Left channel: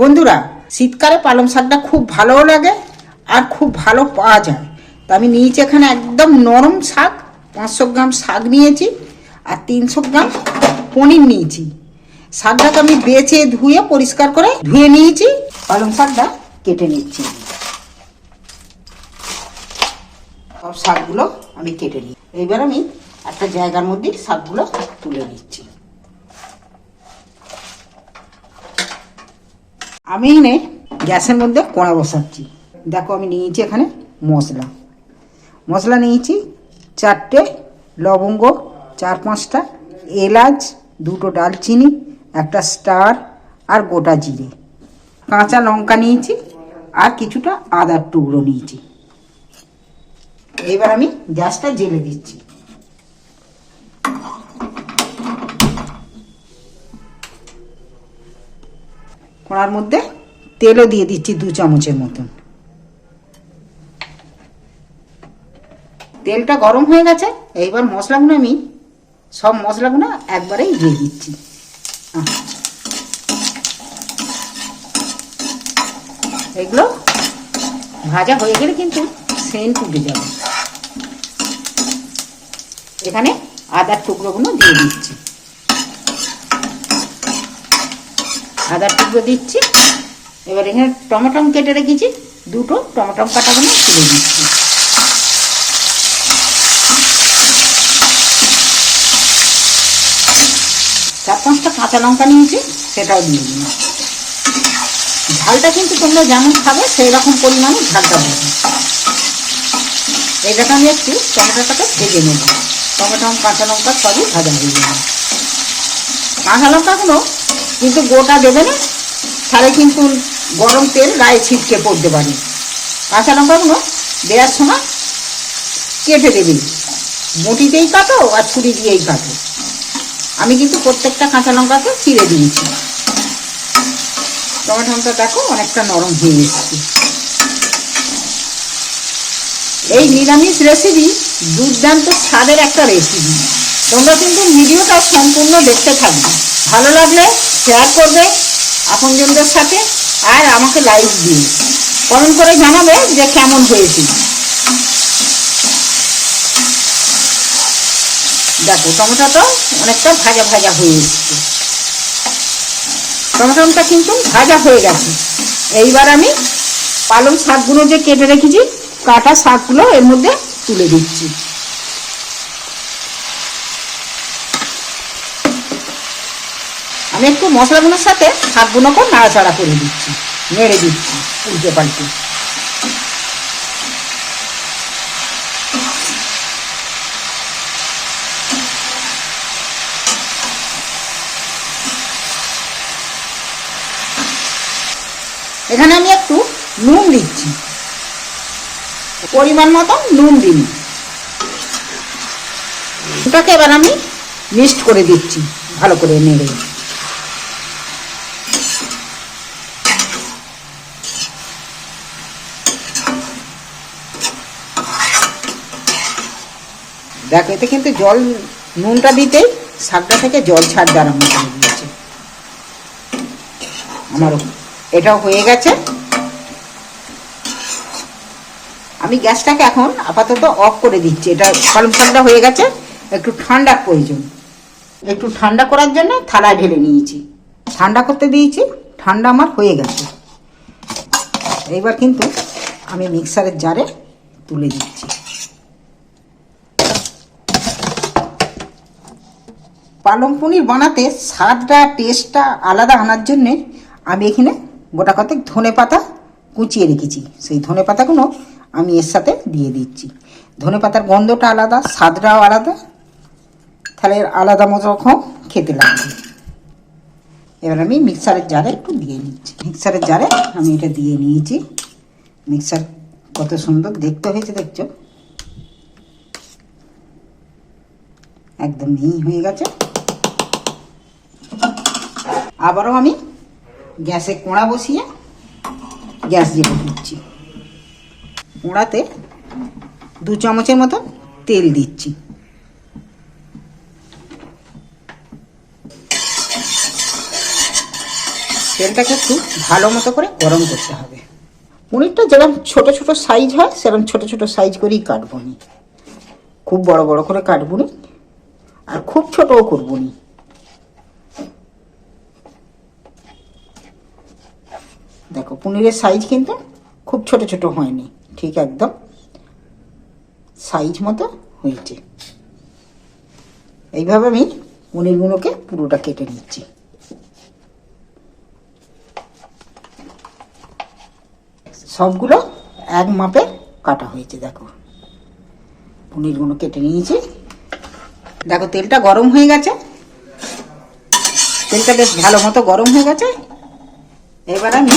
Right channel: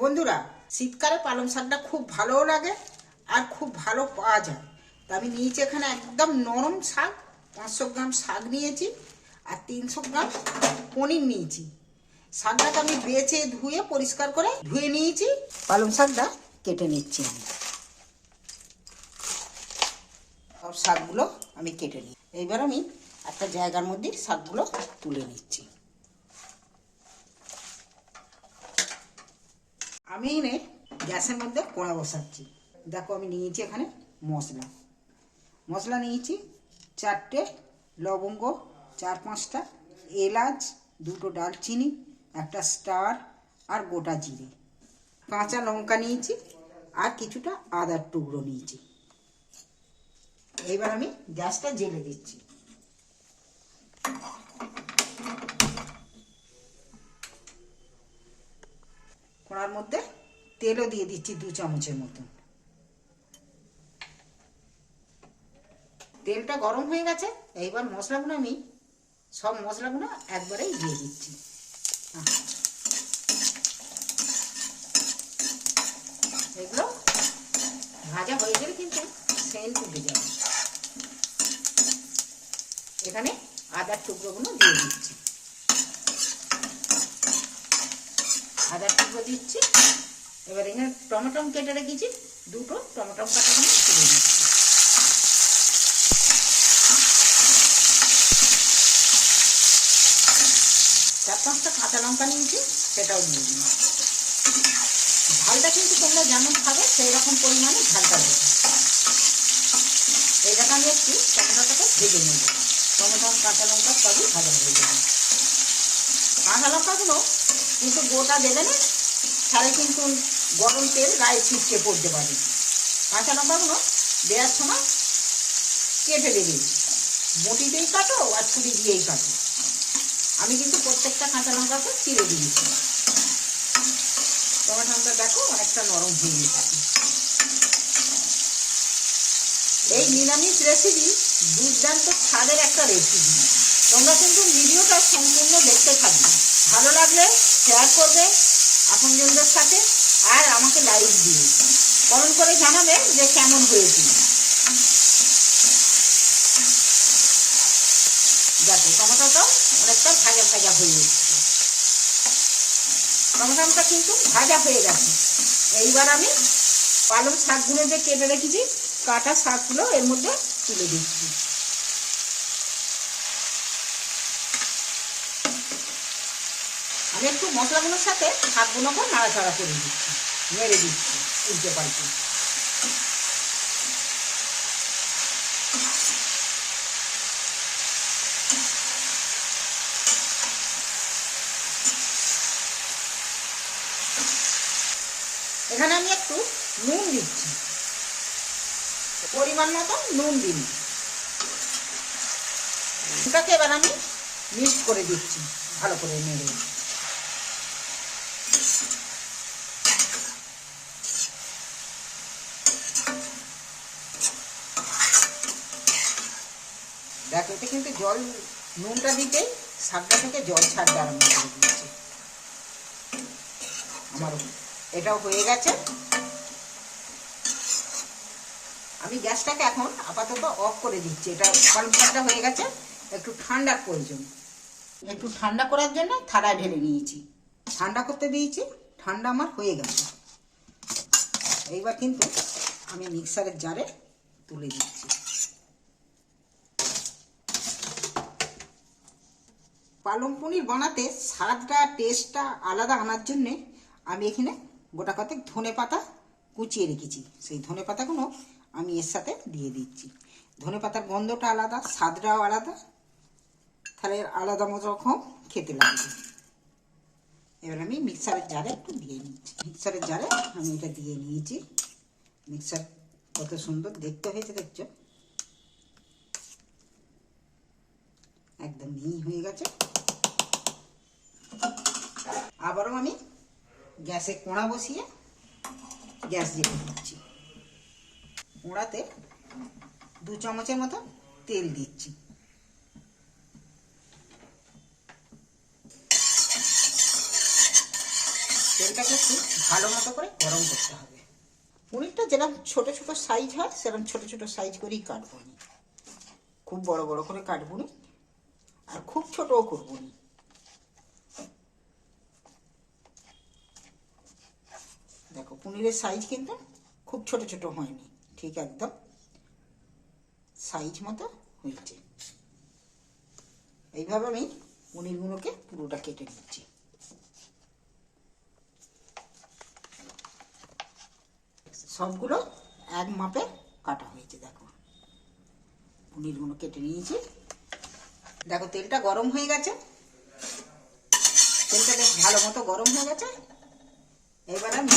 বন্ধুরা, শীতকালে পালং শাকটা খুব ভালোও লাগে আর খুব ভালো পাওয়া যায়। তো আমি নিয়েছি এখানে একদম নরম শাক, পাঁচশো গ্রাম শাক নিয়েছি আর তিনশো গ্রাম পনির নিয়েছি। শাকটাকে আমি বেছে ধুয়ে পরিষ্কার করে ধুয়ে নিয়েছি, পালং শাকটা কেটে নিচ্ছি। সব শাকগুলো আমি কেটে নিই। এইবার আমি একটা জায়গার মধ্যে শাকগুলো তুলে নিচ্ছি। আমি এনে গ্যাসের মধ্যে কড়া বসাচ্ছি। দেখো আমি নিয়েছি এখানে মশলা। মশলা নিয়েছি চারটে লবঙ্গ, চার পাঁচটা এলাচ, দুটো ডালচিনি, একটা স্টার আর গোটা জিরে। কাঁচা লঙ্কা নিয়েছি আর কিছুটা আদার টুকরো নিয়েছি। এবার আমি গ্যাসটা জেলে দিচ্ছি। কড়ার মধ্যে তেলও দিয়ে দিচ্ছি দু চামচের মতন। তেলটা গরম হয়ে গেছে, এইবার মশলাগুলো আমি, সব মশলাগুলো একবারেই দিয়ে দিচ্ছি। এগুলো ভাজা হয়ে গেলে কিন্তু সেন্ট উঠে যাবে। এখানে আদার টুকরোগুলো দিয়ে দিচ্ছি। আদার টুকরো দিচ্ছি। এবার এখানে টমেটম কেটে রেখেছি। দুটো টমেটম কাটাগুলো তুলে দিচ্ছি চার পাঁচটা কাঁচা লঙ্কা নিয়েছি, সেটাও দিয়ে দিন ঝালটা কিন্তু তোমরা যেমন খাবে সেই রকম পরিমাণে ঝালটা দেবে এটাকে আমি একটু টমেটোটাকে ভেজে নেব। টমেটো কাঁচা লঙ্কা সবই ভাজা হয়ে যাবে কাঁচা লঙ্কাগুলো কিন্তু গোটা দেবে না, তাহলে কিন্তু গরম তেল গায়ে ছিটকে পড়তে পারে। কাঁচা লঙ্কাগুলো দেওয়ার সময় কেটে দেবে। মুটিতেই কাটো আর ছুরি দিয়েই কাটো। আমি কিন্তু প্রত্যেকটা কাঁচা লঙ্কাকে চিড়ে দিয়েছি। টমেটোটা দেখো অনেকটা নরম হয়ে এসেছে। এই নিরামিষ রেসিপি দুর্দান্ত স্বাদের একটা রেসিপি তোমরা কিন্তু ভিডিওটা সম্পূর্ণ দেখতে থাকবে। ভালো লাগলে শেয়ার করবে আপনজনদের সাথে আর আমাকে লাইক দিন কমেন্ট করে জানাবে যে কেমন হয়েছে। দেখো টমেটোটা অনেকটা ভাজা ভাজা হয়ে এসছে। টমেটোটা কিন্তু ভাজা হয়ে গেছে। এইবার আমি পালং শাকগুলো যে কেটে রেখেছি, কাটা শাকগুলো এর মধ্যে তুলে দিচ্ছি। আমি একটু মশলাগুলোর সাথে শাকগুলোকে নাড়াচাড়া করে দিচ্ছি। নেড়ে দিচ্ছি উল্টে পাল্টে। এখানে আমি একটু নুন দিচ্ছি। পরিমাণ মতো নুন দিন ওটাকে এবার আমি মিক্সড করে দিচ্ছি, ভালো করে নেড়ে। দেখো, এতে কিন্তু জল, নুনটা দিতেই শাকটা থেকে জল ছাড় আরম্ভ করে দিয়েছে আমারও। এটাও হয়ে গেছে। আমি গ্যাসটাকে এখন আপাতত অফ করে দিচ্ছি। এটা পালং শাকটা হয়ে গেছে, একটু ঠান্ডার প্রয়োজন। একটু ঠান্ডা করার জন্য থালায় ঢেলে নিয়েছি। ঠান্ডা করতে দিয়েছি, ঠান্ডা আমার হয়ে গেছে। এইবার কিন্তু আমি মিক্সারের জারে তুলে দিচ্ছি। পালং পনির বানাতে স্বাদটা টেস্টটা আলাদা আনার জন্যে আমি এখানে গোটা কতক ধনে পাতা কুচিয়ে রেখেছি। সেই ধনে পাতাগুলো আমি এর সাথে দিয়ে দিচ্ছি। ধনে পাতার গন্ধটা আলাদা, স্বাদটাও আলাদা। তাহলে আলাদা মতো রকম খেতে লাগবে। এবার আমি মিক্সারের জারে একটু দিয়ে নিচ্ছি। মিক্সারের জারে আমি এটা দিয়ে নিয়েছি। মিক্সার কত সুন্দর দেখতে হয়েছে, দেখছ? একদম মিহি হয়ে গেছে। আবারও আমি গ্যাসে কোঁড়া বসিয়ে গ্যাস জ্বেলে দিচ্ছি। কোঁড়াতে দু চামচের মতন তেল দিচ্ছি। তেলটাকে একটু ভালো মতো করে গরম করতে হবে। পনিরটা যেরকম ছোট ছোট সাইজ হয়, সেরকম ছোট ছোট সাইজ করেই কাটবো নি খুব বড় বড় করে কাটবো আর খুব ছোটও করব নি। দেখো, পনিরের সাইজ কিন্তু খুব ছোট ছোট হয়নি, ঠিক একদম? সাইজ মতো হয়েছে। এইভাবে আমি পনিরগুলোকে পুরোটা কেটে নিচ্ছি। সবগুলো এক মাপে কাটা হয়েছে, দেখো। পনিরগুলো কেটে নিয়েছি। দেখো, তেলটা গরম হয়ে গেছে। তেলটা বেশ ভালো মতো গরম হয়ে গেছে। এবার আমি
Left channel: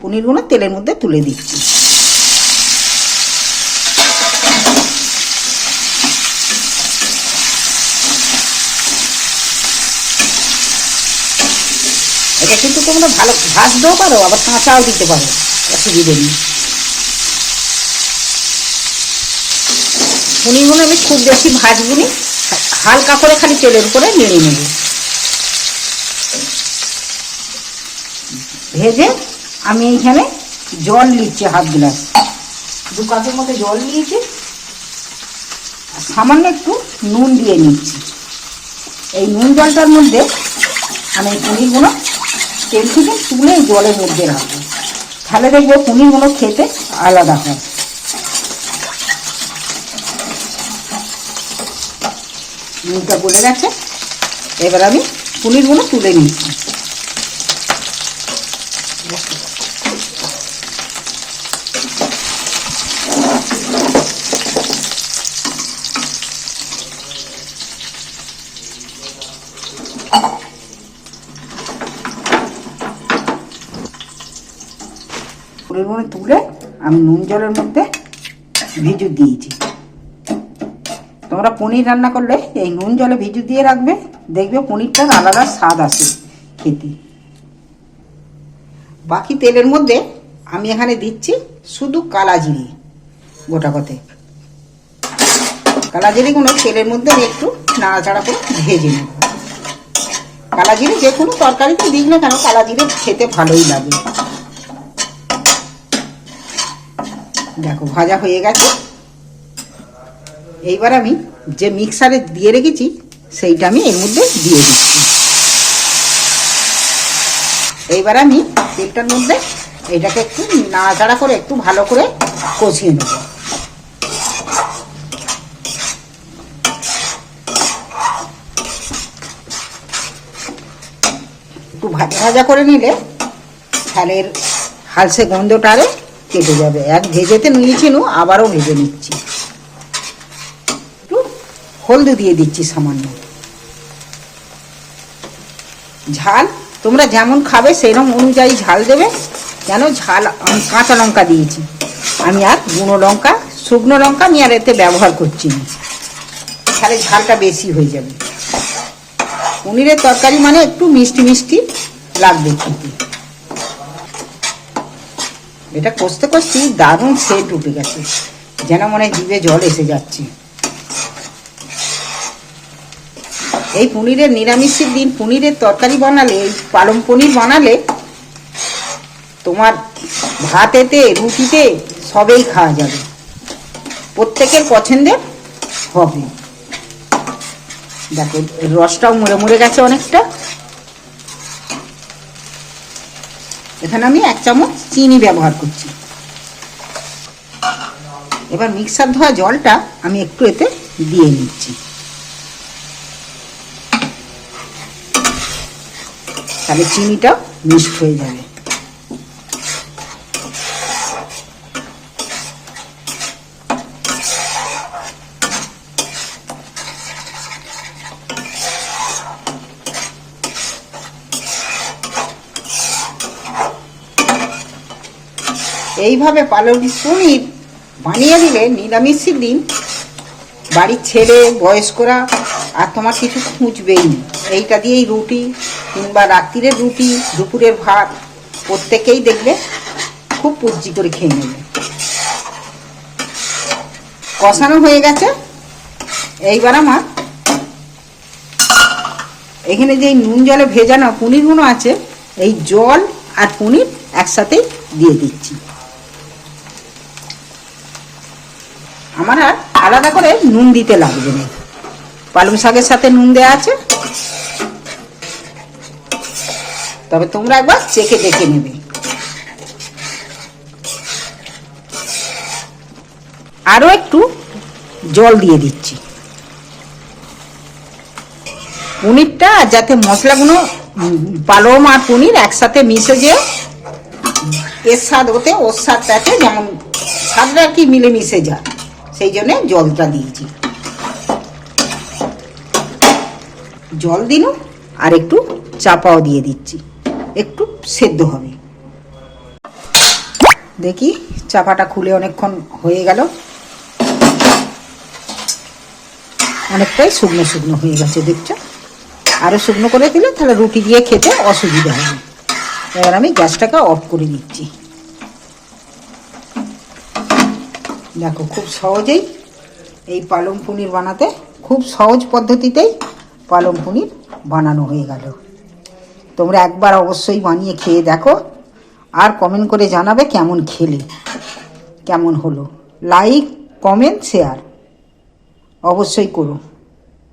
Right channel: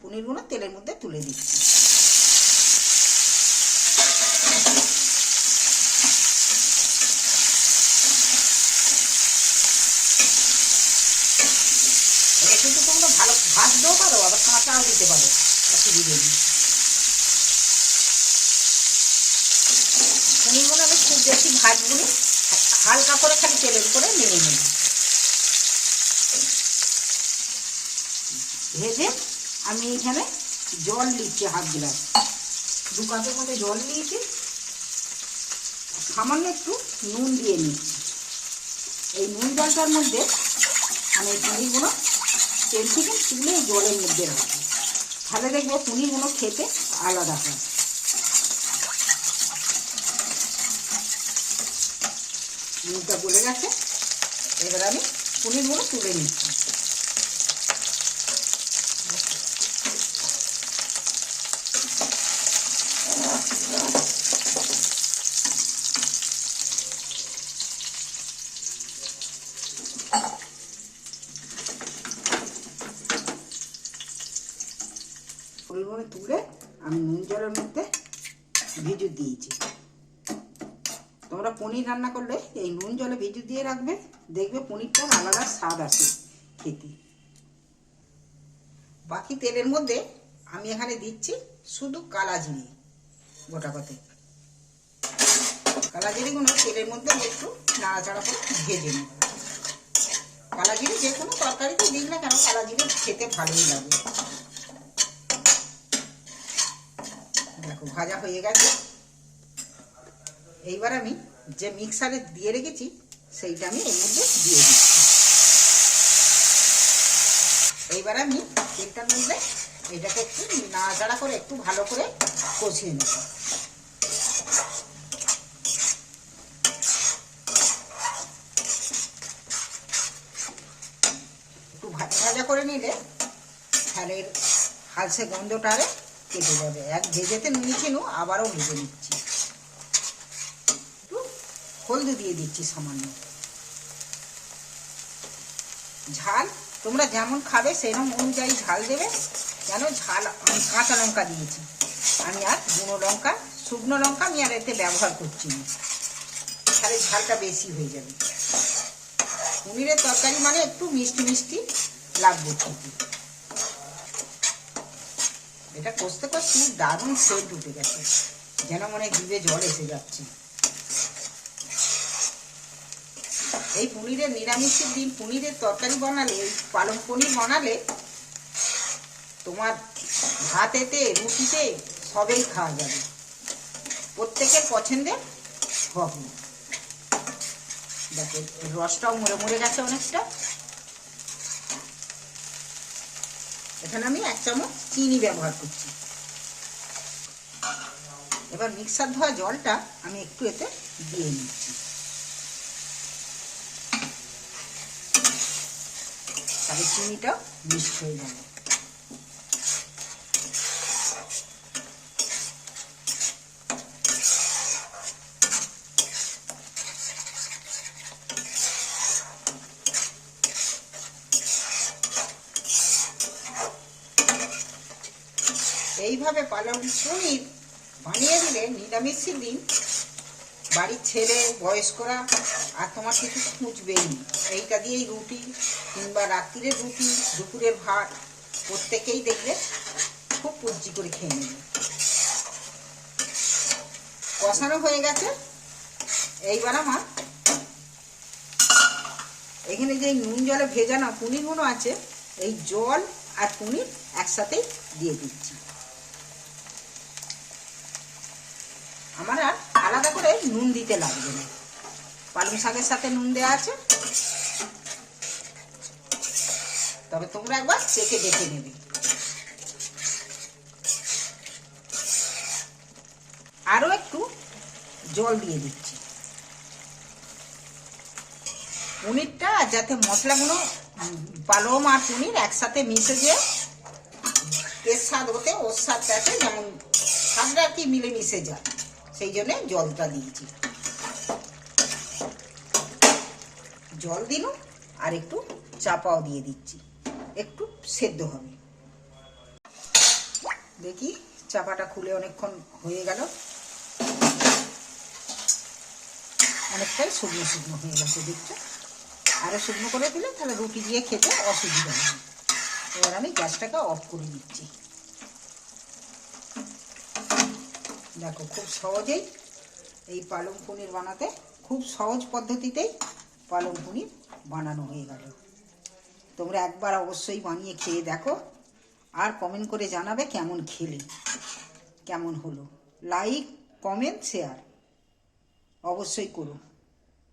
পনিরগুলো তেলের মধ্যে তুলে দিচ্ছি। এটা কিন্তু তোমরা ভালো ভাজতেও পারো, আবার কাঁচাও দিতে পারো, অসুবিধে নেই। পনিরগুলো আমি খুব বেশি ভাজবো নি, হালকা করে খালি তেলের উপরে নেড়ে নেব। ভেজে আমি এইখানে জল নিচ্ছি হাফ গ্লাস। দু কাপের মতো জল নিয়েছি। সামান্য একটু নুন দিয়ে নিচ্ছি। এই নুন জলটার মধ্যে আমি পনিরগুলো তেল থেকে তুলে জলের মধ্যে রাখব। তাহলে দেখব পনিরগুলো খেতে আলাদা হয়। নুনটা গলে গেছে। এবার আমি পনিরগুলো তুলে নিচ্ছি পনিরগুলো তুলে আমি নুন জলের মধ্যে ভিজু দিয়েছি। তোমরা পনির রান্না করলে এই নুন জলে ভিজু দিয়ে রাখবে, দেখবে পনিরটার আলাদা স্বাদ আসে খেতে। বাকি তেলের মধ্যে আমি এখানে দিচ্ছি শুধু কালা গোটা কথে কালা জিরেগুলো তেলের মধ্যে আমি একটু নাড়াচাড়া করে ভেজে নেব। কালা জিরে যে কোনো তরকারিতে দিই না কেন কালা জিরে খেতে ভালোই লাগে। দেখো, ভাজা হয়ে গেছে। এইবার আমি যে মিক্সারে দিয়ে রেখেছি, সেইটা আমি এর মধ্যে দিয়ে দিচ্ছি। এইবার আমি তেলটার মধ্যে এটাকে একটু নাড়াচাড়া করে একটু ভালো করে কষিয়ে নেব। একটু ভাজা ভাজা করে নিলে ছালের হালসে গন্ধটা গন্ধটারে কেটে যাবে। এক ভেজেতে নিয়েছি নু, আবারও ভেজে নিচ্ছি। একটু হলদি দিয়ে দিচ্ছি সামান্য। ঝাল, তোমরা যেমন খাবে সেরকম অনুযায়ী ঝাল দেবে। কেন ঝাল কাঁচা লঙ্কা দিয়েছি। আমি আর গুঁড়ো লঙ্কা, শুকনো লঙ্কা আমি আর এতে ব্যবহার করছি না। তাহলে ঝালটা বেশি হয়ে যাবে। পনিরের তরকারি মানে একটু মিষ্টি মিষ্টি লাগবে খেতে। এটা কষতে কষতে দারুণ সেট উঠে গেছে। যেন মনে জিভে জল এসে যাচ্ছে। এই পনিরের নিরামিষের দিন পনিরের তরকারি বানালে, এই পালং পনির বানালে, তোমার ভাতেতে, রুটিতে সবেই খাওয়া যাবে। প্রত্যেকের পছন্দের হবে। দেখো, রসটাও মরে মরে গেছে অনেকটা। এখানে আমি এক চামচ চিনি ব্যবহার করছি। এবার মিক্সার ধোয়া জলটা আমি একটু এতে দিয়ে নিচ্ছি। তাহলে চিনিটাও মিক্সড হয়ে যাবে। এইভাবে পালন পনির বানিয়ে দিলে নিরামিষের দিন বাড়ির ছেলে, বয়স্করা আর তোমার কিছু খুঁজবেই এইটা দিয়েই রুটি কিংবা রাত্রিরের রুটি, দুপুরের ভাত, প্রত্যেকেই দেখবে খুব পুজি করে খেয়ে নেবে। কষানো হয়ে গেছে। এইবার আমার এখানে যে নুন জলে ভেজানো পনিরগুলো আছে, এই জল আর পনির একসাথে দিয়ে দিচ্ছি। আমার আর আলাদা করে নুন দিতে লাগবে না। পালং শাকের সাথে নুন দেওয়া আছে। তবে তোমরা একবার চেখে দেখে নেবে। আরও একটু জল দিয়ে দিচ্ছি। পনিরটা যাতে মশলাগুলো পালং আর পনির একসাথে মিশে যে এর স্বাদ ওতে, ওর স্বাদটাতে যেমন স্বাদটা কি মিলে মিশে যায়। সেই জন্যে জলটা দিয়েছি। জল দিন, আর একটু চাপাও দিয়ে দিচ্ছি। একটু সেদ্ধ হবে। দেখি, চাপাটা খুলে অনেকক্ষণ হয়ে গেল। অনেকটাই শুকনো শুকনো হয়ে গেছে, দেখছ? আরও শুকনো করে দিলে তাহলে রুটি দিয়ে খেতে অসুবিধা হবে এবার আমি গ্যাসটাকে অফ করে দিচ্ছি দেখো, খুব সহজেই এই পালং পনির বানাতে, খুব সহজ পদ্ধতিতেই পালং পনির বানানো হয়ে গেল। তোমরা একবার অবশ্যই বানিয়ে খেয়ে দেখো আর কমেন্ট করে জানাবে কেমন খেলে, কেমন হলো। লাইক কমেন্ট শেয়ার অবশ্যই করো।